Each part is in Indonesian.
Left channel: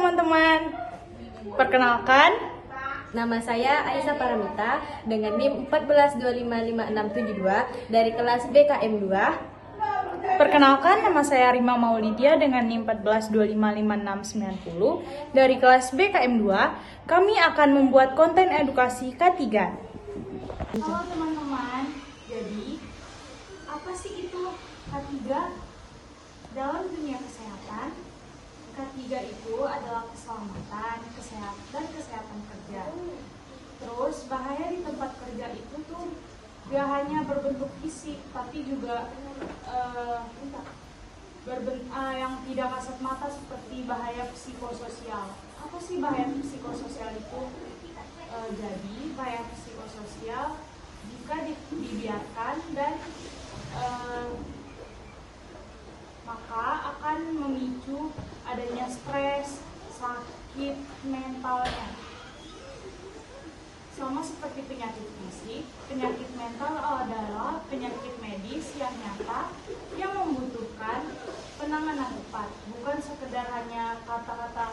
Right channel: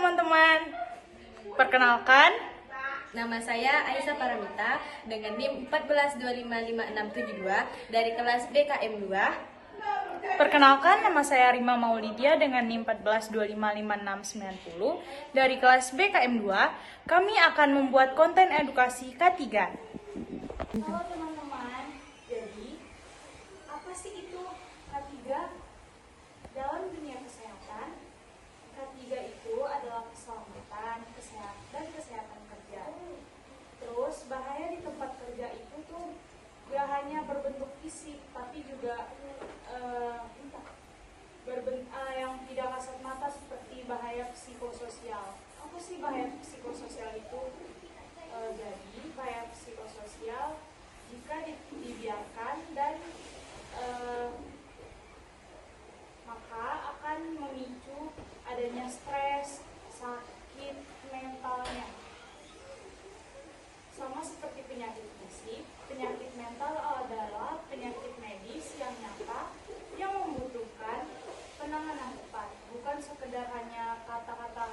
teman-teman, perkenalkan, nama saya Aisyah Paramita dengan NIM 14255672 dari kelas BKM 2. Perkenalkan, nama saya Rima Maulidia dengan NIM 14255690 dari kelas BKM 2. Kami akan membuat konten edukasi K3. Halo teman-teman, jadi apa sih itu K3? Dalam dunia kesehatan, K3 itu adalah keselamatan, kesehatan, dan kesehatan kerja. Terus bahaya di tempat kerja itu tuh gak hanya berbentuk fisik, tapi juga yang tidak kasat mata seperti bahaya psikososial. Apa sih bahaya psikososial itu? Jadi bahaya psikososial jika dibiarkan dan maka akan memicu adanya stres, sakit mentalnya. Sama seperti penyakit fisik, penyakit mental adalah penyakit medis yang nyata yang membutuhkan penanganan tepat, bukan sekedar hanya kata-kata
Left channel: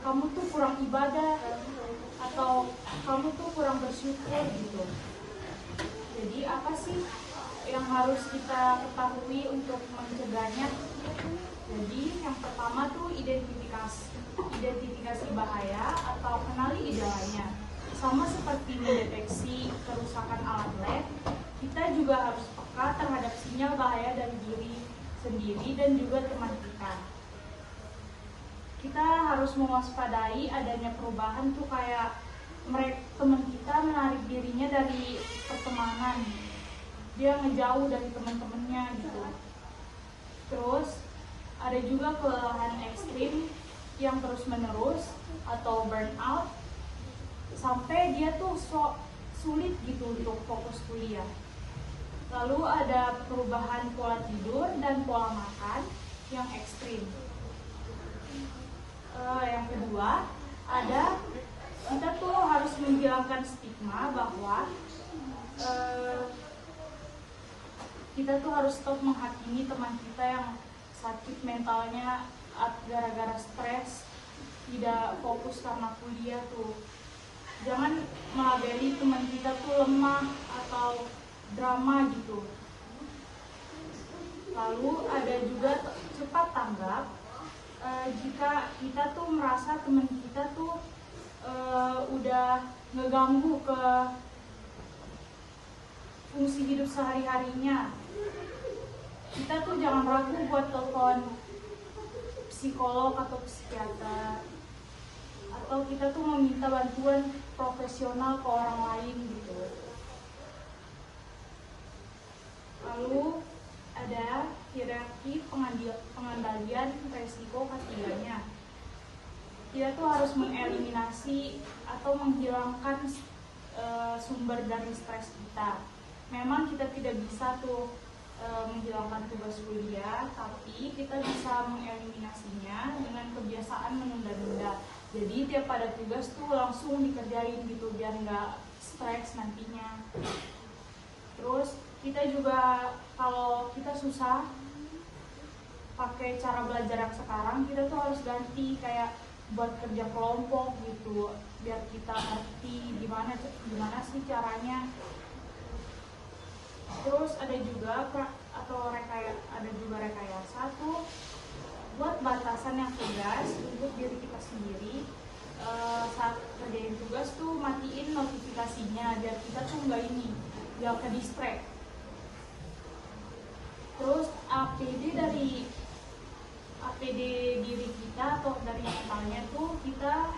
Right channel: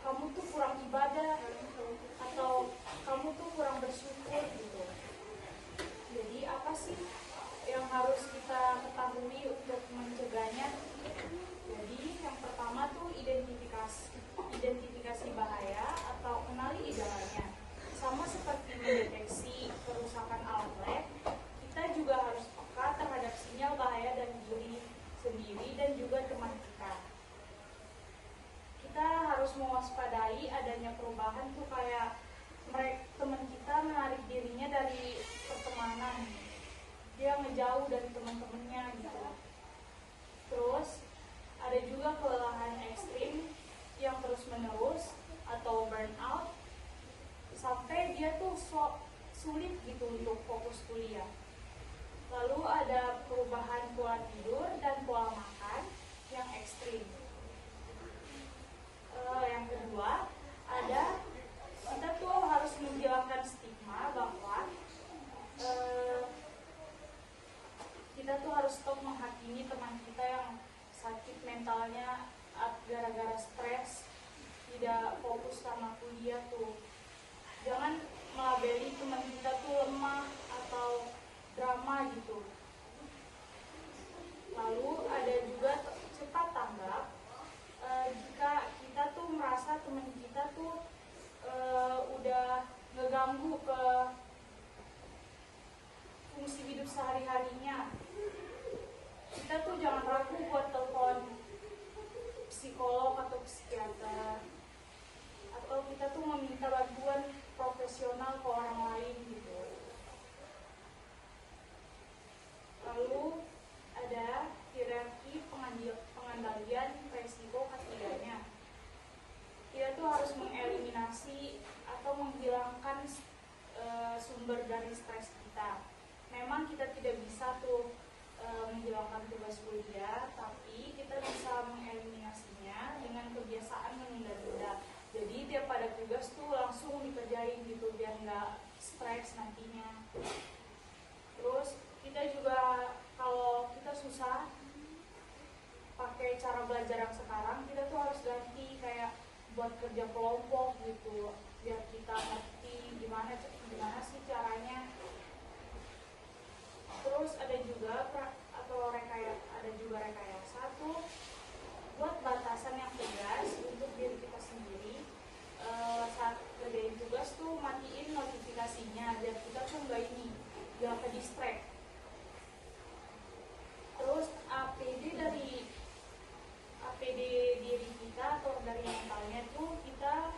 kamu tuh kurang ibadah atau kamu tuh kurang bersyukur gitu. Jadi apa sih yang harus kita ketahui untuk mencegahnya? Jadi yang pertama tuh identifikasi bahaya atau kenali gejalanya. Sama seperti mendeteksi kerusakan alat lab, kita juga harus peka terhadap sinyal bahaya dari diri sendiri dan juga teman kita. Kita harus mewaspadai adanya perubahan tuh kayak teman kita menarik dirinya dari pertemanan, dia ngejauh dari teman-temannya gitu. Terus ada juga kelelahan ekstrim yang terus menerus atau burnout sampai dia tuh sulit gitu untuk fokus kuliah. Lalu ada perubahan pola tidur dan pola makan yang ekstrim. Yang kedua, kita tuh harus menghilangkan stigma bahwa kita tuh harus stop menghakimi teman kita yang sakit mentalnya gara-gara stres, tidak fokus karena kuliah tuh. Jangan melabeli teman kita tuh lemah atau drama gitu. Lalu ada juga cepat tanggap. Jika kita tuh merasa teman kita tuh udah ngeganggu ke fungsi hidup sehari-harinya, kita tuh jangan ragu buat telepon psikolog atau psikiater, atau kita tuh meminta bantuan profesional ke orang lain gitu. Lalu ada hierarki pengendalian resiko K3-nya. Kita tuh harus mengeliminasi atau menghilangkan sumber dari stres kita. Memang kita tidak bisa tuh menghilangkan tugas kuliah, tapi kita bisa mengeliminasinya dengan kebiasaan menunda-nunda. Jadi tiap ada tugas tuh langsung dikerjain gitu biar nggak stres nantinya. Terus kita juga kalau kita susah pakai cara belajar yang sekarang, kita tuh harus ganti kayak buat kerja kelompok gitu biar kita ngerti gimana sih caranya. Terus ada juga rekayasa tuh buat batasan yang tegas untuk diri kita sendiri. Saat kerjain tugas tuh matiin notifikasinya biar kita tuh nggak ke distract. Terus APD diri kita atau dari mentalnya tuh kita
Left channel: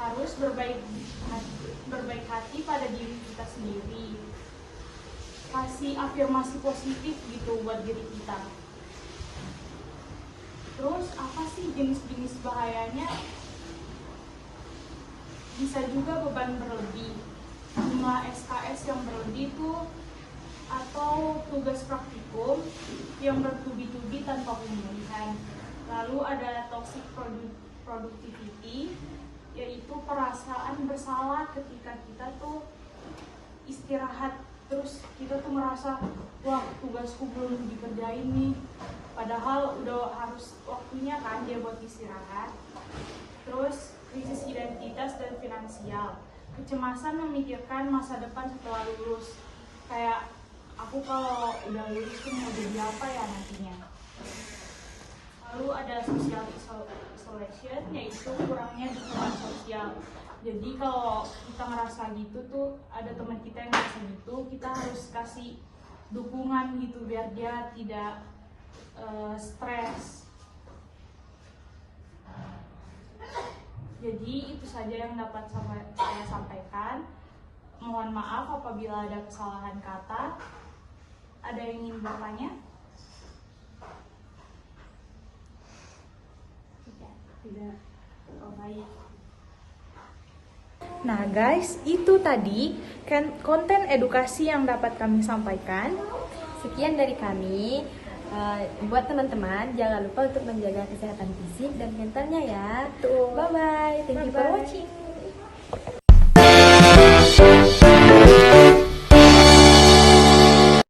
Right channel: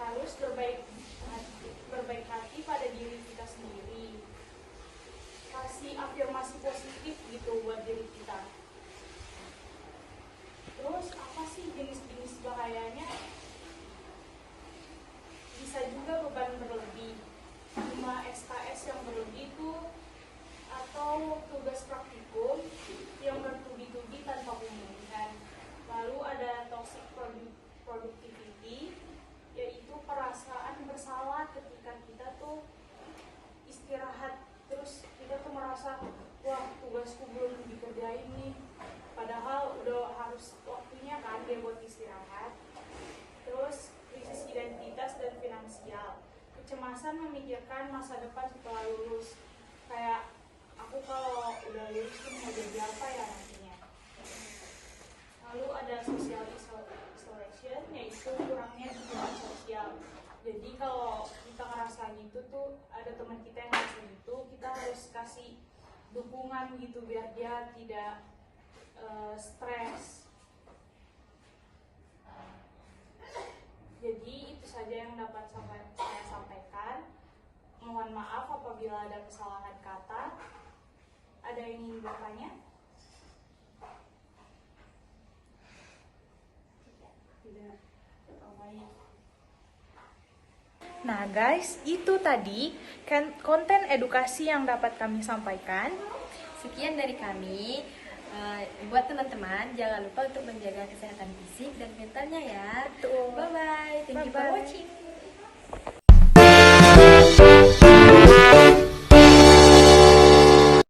harus berbaik hati pada diri kita sendiri. Kasih afirmasi positif gitu buat diri kita. Terus apa sih jenis-jenis bahayanya? Bisa juga beban berlebih, jumlah SKS yang berlebih itu, atau tugas praktikum yang bertubi-tubi tanpa pemulihan. Lalu ada toxic productivity, yaitu perasaan bersalah ketika kita tuh istirahat. Terus kita tuh merasa, wah tugasku belum dikerjain nih, padahal udah harus waktunya kan dia buat istirahat. kecemasan memikirkan masa depan setelah lulus. Kayak aku kalau udah lulus tuh mau jadi apa ya nantinya. Lalu ada social isolation, yaitu kurangnya dukungan sosial. Jadi kalau kita ngerasa gitu tuh, ada teman kita yang ngerasa gitu, kita harus kasih dukungan gitu biar dia tidak stres. Jadi itu saja yang dapat saya sampaikan. Mohon maaf apabila ada kesalahan kata. Ada yang ingin bertanya? Tidak. Oh, baik. Nah guys, itu tadi konten edukasi yang dapat kami sampaikan. Sekian dari kami. Buat teman-teman, jangan lupa untuk menjaga kesehatan fisik dan mentalnya ya. Betul. Bye-bye. Thank you for Bye-bye. watching.